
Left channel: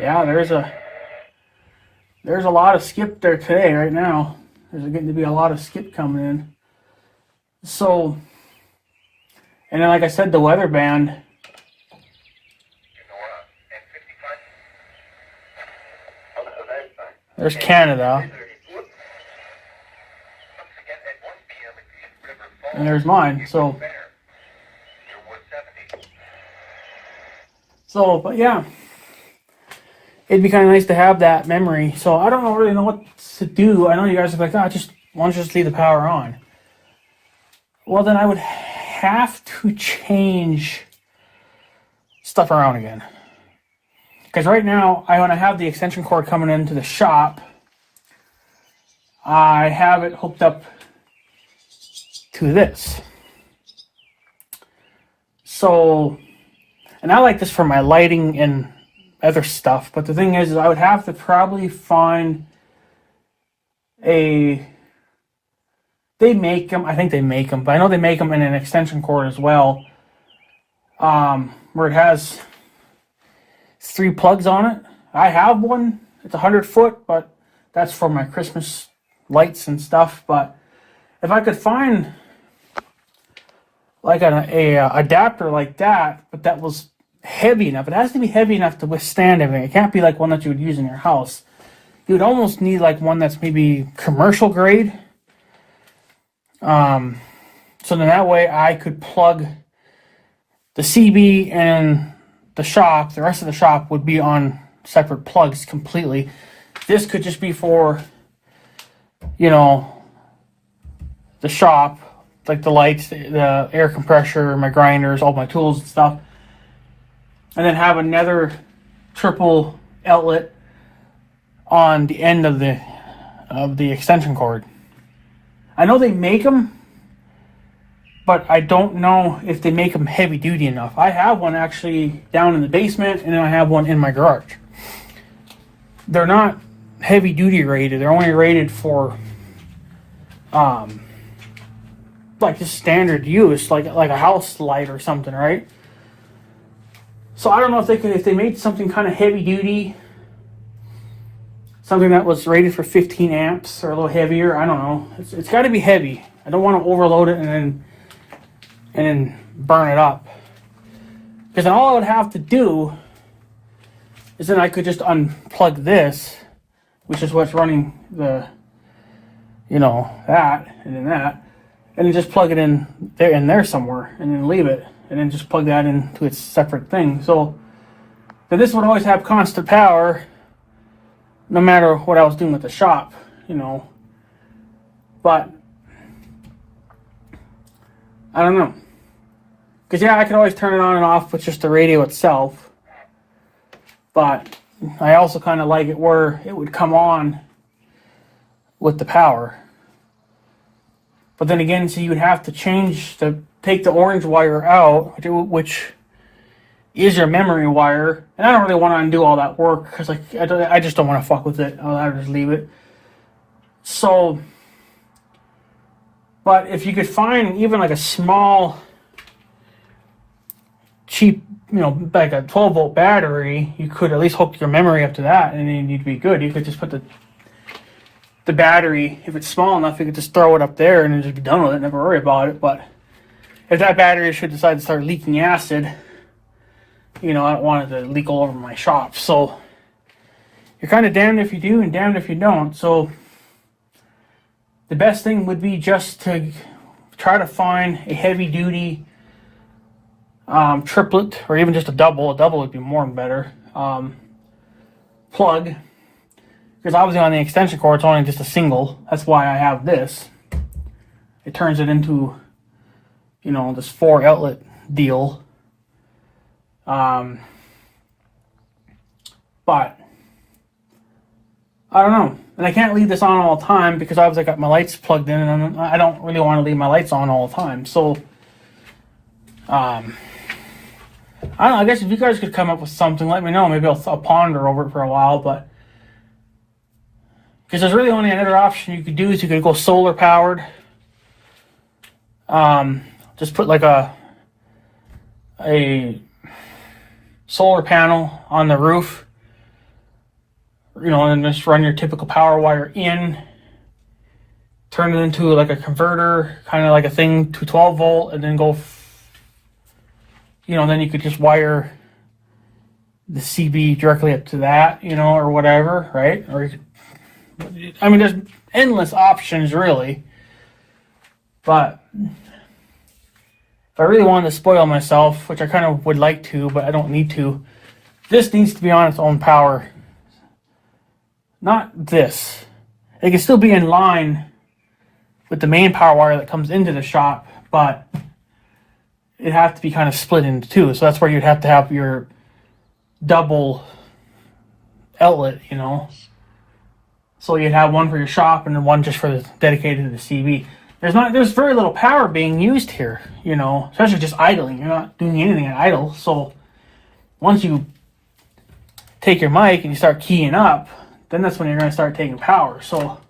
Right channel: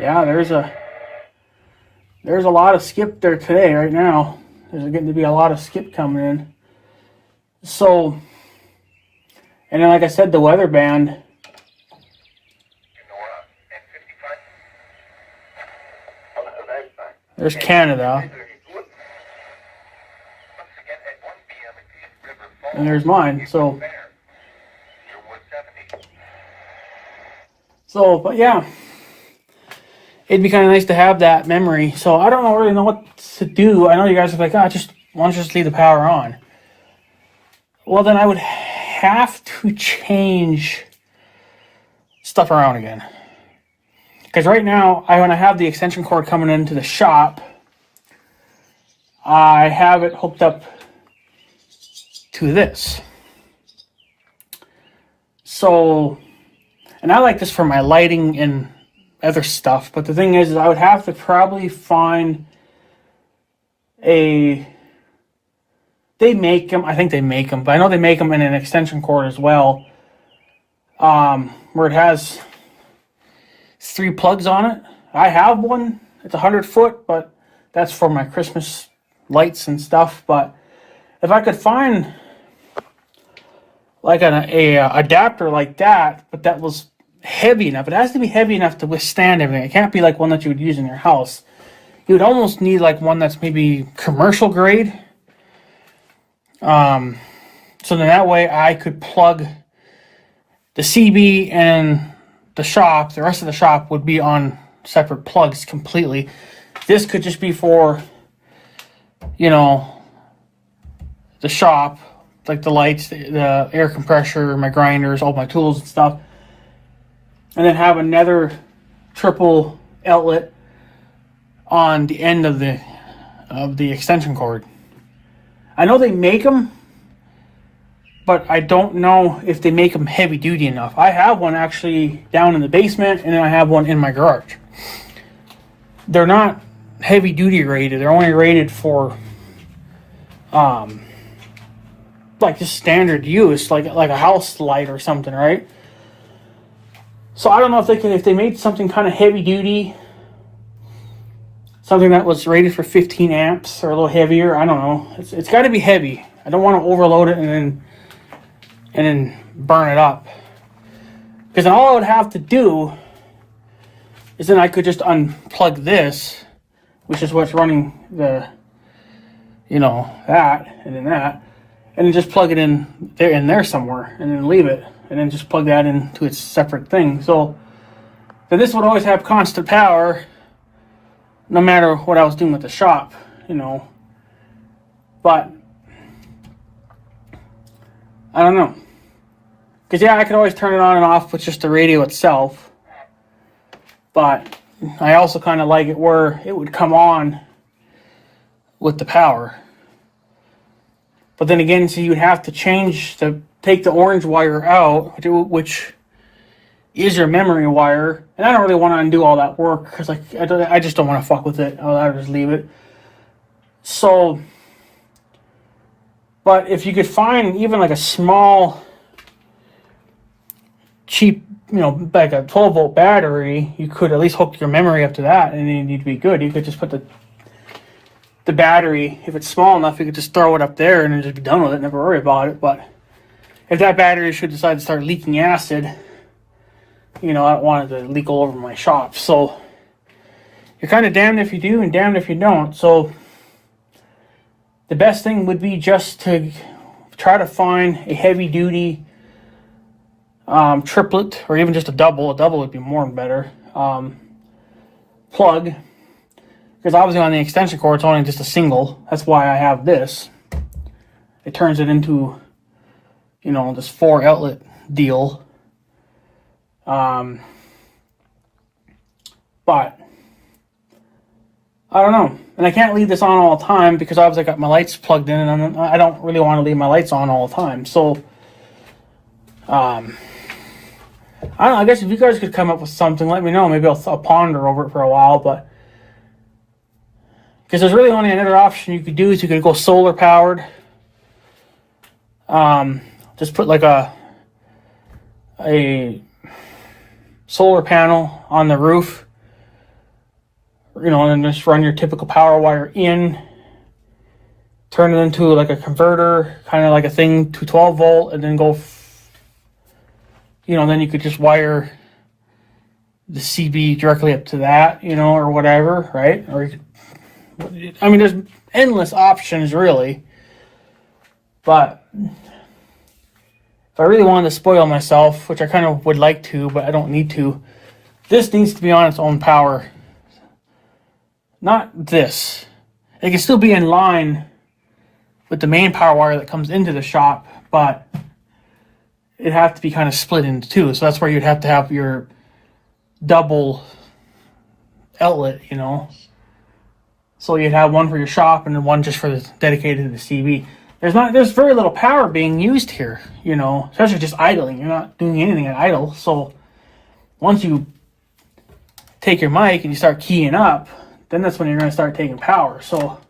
yeah, there's a lot of skip there today, right now. There's getting to be a lot of skip coming in. So, and then like I said, the weather band. There's Canada. And there's mine. So, but yeah. It'd be kind of nice to have that memory. So I don't really know what to do. I know you guys are like, why don't you just leave the power on? Well, then I would have to change stuff around again. Because right now, when I have the extension cord coming into the shop, I have it hooked up to this. So, and I like this for my lighting and other stuff, but the thing is I would have to probably find they make them, I think they make them, but I know they make them in an extension cord as well, where it has 3 plugs on it. I have one, it's 100-foot, but that's for my Christmas lights and stuff. But if I could find like an adapter like that, but that was heavy enough. It has to be heavy enough to withstand everything. It can't be like one that you would use in your house. You would almost need like one that's maybe commercial grade. So then that way I could plug the CB and the shop. The rest of the shop would be on separate plugs completely. This could just be for, the shop, like the lights, the air compressor, my grinders, all my tools and stuff. And then have another triple outlet on the end of the extension cord. I know they make them, but I don't know if they make them heavy duty enough. I have one actually down in the basement, and then I have one in my garage. They're not heavy duty rated. They're only rated for like just standard use, like a house light or something, right? So I don't know if they made something kind of heavy duty, something that was rated for 15 amps or a little heavier. I don't know. It's got to be heavy. I don't want to overload it and then burn it up. Because then all I would have to do is then I could just unplug this, which is what's running the, that and then that, and then just plug it in there somewhere and then leave it. And then just plug that into its separate thing. So then this would always have constant power, no matter what I was doing with the shop, But I don't know, because yeah, I could always turn it on and off with just the radio itself. But I also kind of like it where it would come on with the power. But then again, so you would have to take the orange wire out, which is your memory wire. And I don't really want to undo all that work because I just don't want to fuck with it. I'll just leave it. So, but if you could find even like a small, cheap, like a 12-volt battery, you could at least hook your memory up to that, and then you'd be good. You could just put the battery, if it's small enough, you could just throw it up there and then just be done with it, never worry about it. But if that battery should decide to start leaking acid, I don't want it to leak all over my shop. So you're kind of damned if you do and damned if you don't. So the best thing would be just to try to find a heavy duty triplet, or even just a double. A double would be more and better. Plug, because obviously on the extension cord it's only just a single. That's why I have this. It turns it into, you know, this 4 outlet deal. But I don't know, and I can't leave this on all the time because obviously I got my lights plugged in, and I don't really want to leave my lights on all the time. So I don't know, I guess if you guys could come up with something, let me know. Maybe I'll ponder over it for a while, but because there's really only another option you could do is you could go solar powered. Just put like a solar panel on the roof, you know, and just run your typical power wire in, turn it into like a converter, kind of like a thing to 12 volt, and then go, you know, then you could just wire the CB directly up to that, you know, or whatever, right? Or, I mean, there's endless options, really. But if I really wanted to spoil myself, which I kind of would like to, but I don't need to, this needs to be on its own power. Not this. It can still be in line with the main power wire that comes into the shop, but it has to be kind of split into two. So that's where you'd have to have your double outlet, you know. So you'd have one for your shop and then one just for the dedicated to the CB. There's very little power being used here, you know, especially just idling. You're not doing anything at idle. So once you take your mic and you start keying up, then that's when you're going to start taking power. So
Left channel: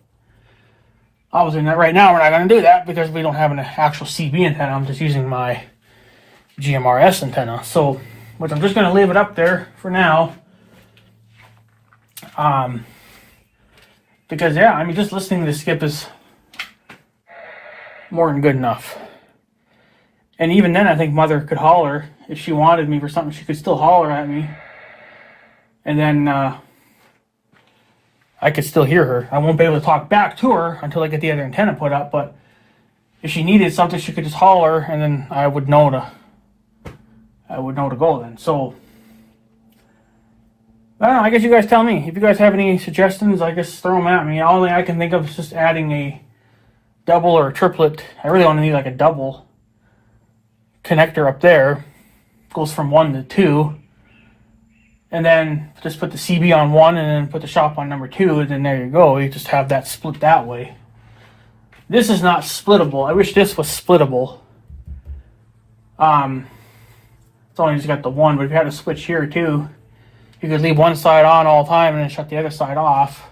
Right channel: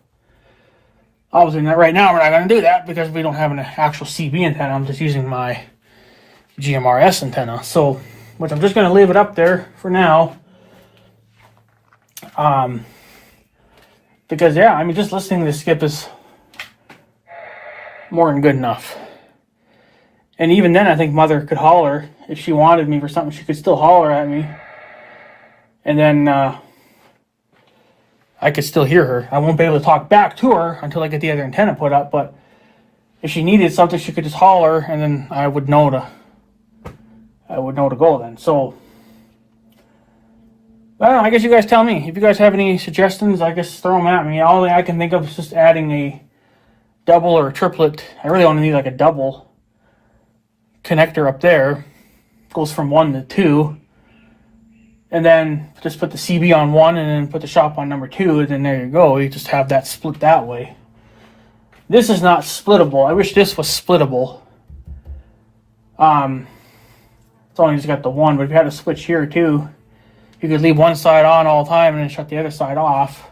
obviously right now we're not going to do that because we don't have an actual CB antenna. I'm just using my GMRS antenna. So, which I'm just going to leave it up there for now. Because yeah, I mean, just listening to the skip is more than good enough. And even then, I think Mother could holler if she wanted me for something. She could still holler at me, and then I could still hear her. I won't be able to talk back to her until I get the other antenna put up. But if she needed something, she could just holler, and then I would know to go then. So I don't know, I guess you guys tell me. If you guys have any suggestions, I guess throw them at me. All I can think of is just adding a double or a triplet. I really only need like a double connector up there. Goes from 1 to 2. And then just put the CB on 1 and then put the shop on number 2, and then there you go. You just have that split that way. This is not splittable. I wish this was splittable. It's only just got the one, but if you had a switch here too, you could leave one side on all the time and then shut the other side off.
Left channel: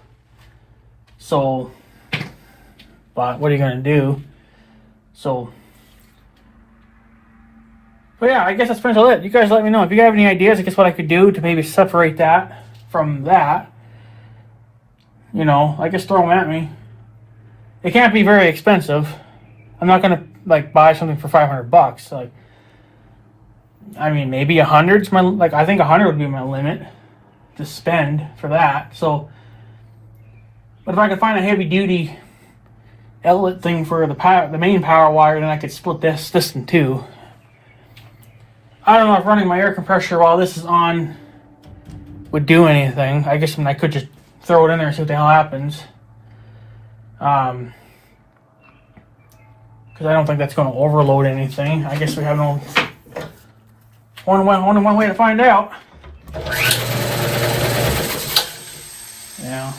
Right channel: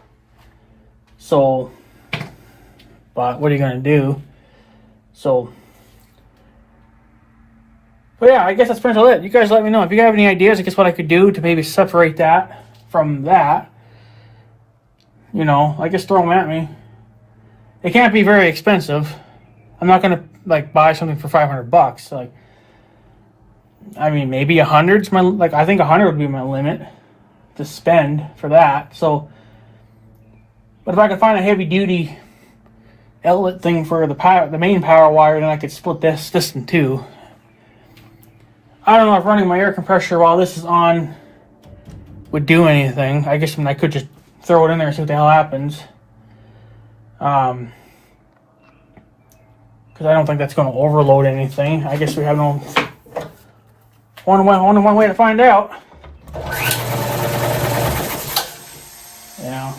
So, but what are you going to do? So, but yeah, I guess that's pretty much it. You guys let me know. If you have any ideas, I guess what I could do to maybe separate that from that. You know, I guess throw them at me. It can't be very expensive. I'm not going to like buy something for $500. Like, I mean, maybe 100's my, like, I think 100 would be my limit to spend for that. So, but if I could find a heavy duty outlet thing for the main power wire, then I could split this in two. I don't know if running my air compressor while this is on would do anything. I guess I could just throw it in there and see what the hell happens. Because I don't think that's going to overload anything. I guess we have no only one way to find out. Yeah.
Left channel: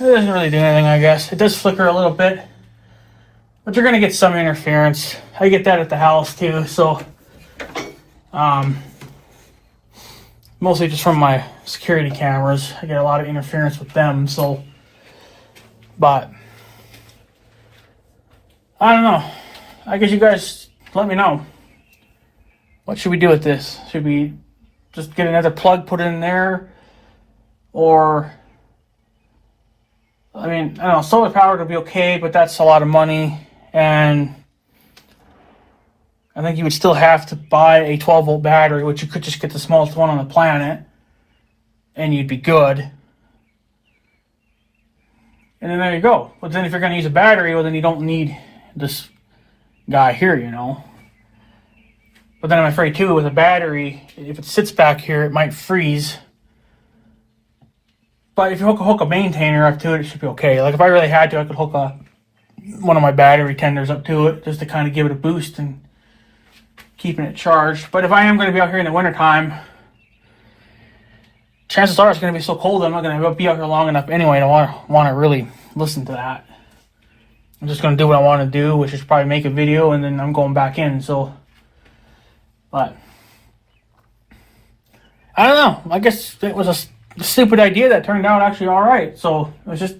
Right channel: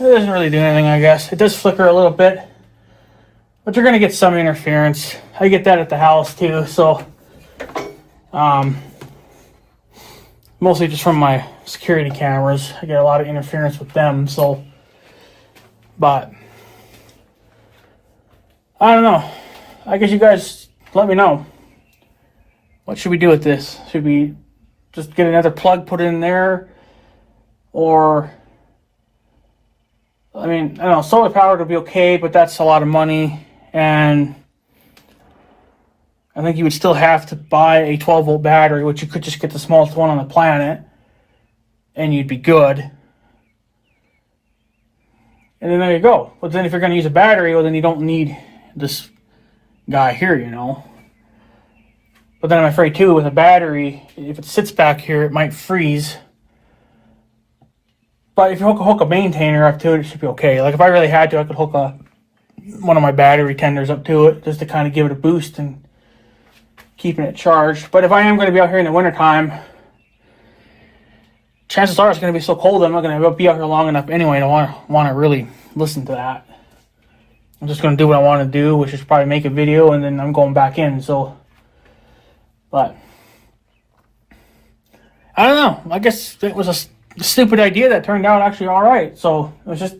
It doesn't really do anything, I guess. It does flicker a little bit, but you're gonna get some interference. I get that at the house too, so mostly just from my security cameras. I get a lot of interference with them, so, but I don't know. I guess you guys let me know. What should we do with this? Should we just get another plug put in there? Or, I mean, I don't know, solar powered would be okay, but that's a lot of money. And I think you would still have to buy a 12 volt battery, which you could just get the smallest one on the planet. and you'd be good. And then there you go. But then if you're going to use a battery, well, then you don't need this guy here, you know. But then I'm afraid too, with a battery, if it sits back here, it might freeze. But if you hook a maintainer up to it, it should be okay. Like if I really had to, I could hook one of my battery tenders up to it just to kind of give it a boost and keeping it charged. But if I am going to be out here in the wintertime, chances are it's going to be so cold that I'm not going to be out here long enough anyway to want to really listen to that. I'm just going to do what I want to do, which is probably make a video, and then I'm going back in. So, but I don't know. I guess it was a stupid idea that turned out actually all right. So it was just,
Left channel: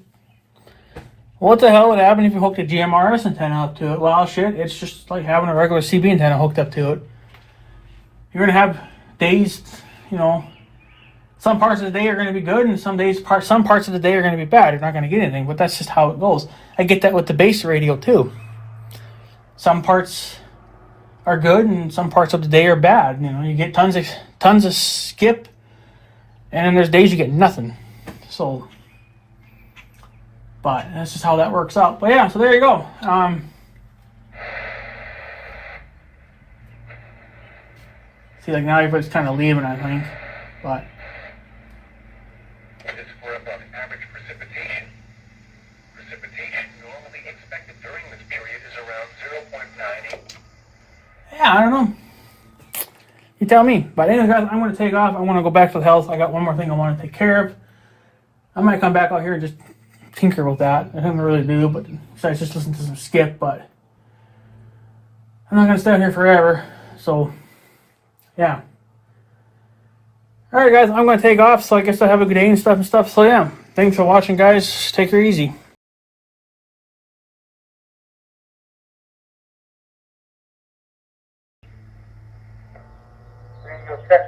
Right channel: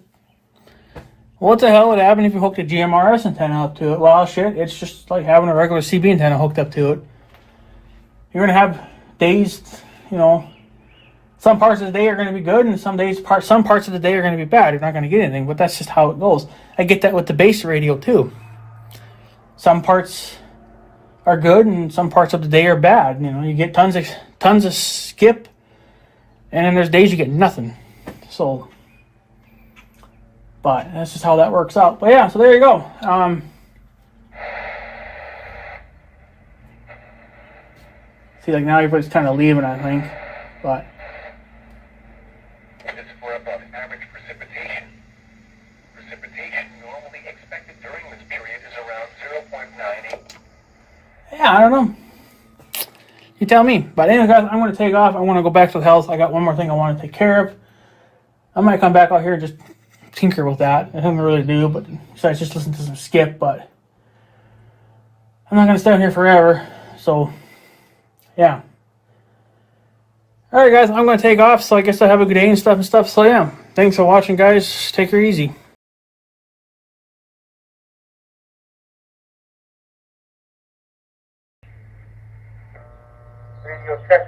what the hell would happen if you hooked a GMRS antenna up to it? Well, shit, it's just like having a regular CB antenna hooked up to it. You're going to have days, you know, some parts of the day are going to be good, and some parts of the day are going to be bad. You're not going to get anything, but that's just how it goes. I get that with the base radio too. Some parts are good, and some parts of the day are bad. You know, you get tons of skip, and then there's days you get nothing. So, but that's just how that works out. But yeah, so there you go. See, like now everybody's kind of leaving, I think, but. This is for above average precipitation. Precipitation normally expected during this period is around 0.98. Yeah, I don't know. You tell me. But anyway, guys, I'm going to take off. I want to go back to the house. I got one more thing I want to take care of. I might come back out here and just tinker with that. I don't really do, but besides just listen to some skip. But I'm not going to stay out here forever. So, yeah. All right, guys, I'm going to take off. So I guess I have a good day and stuff. So, yeah. Thanks for watching, guys. Take her easy. Radio check.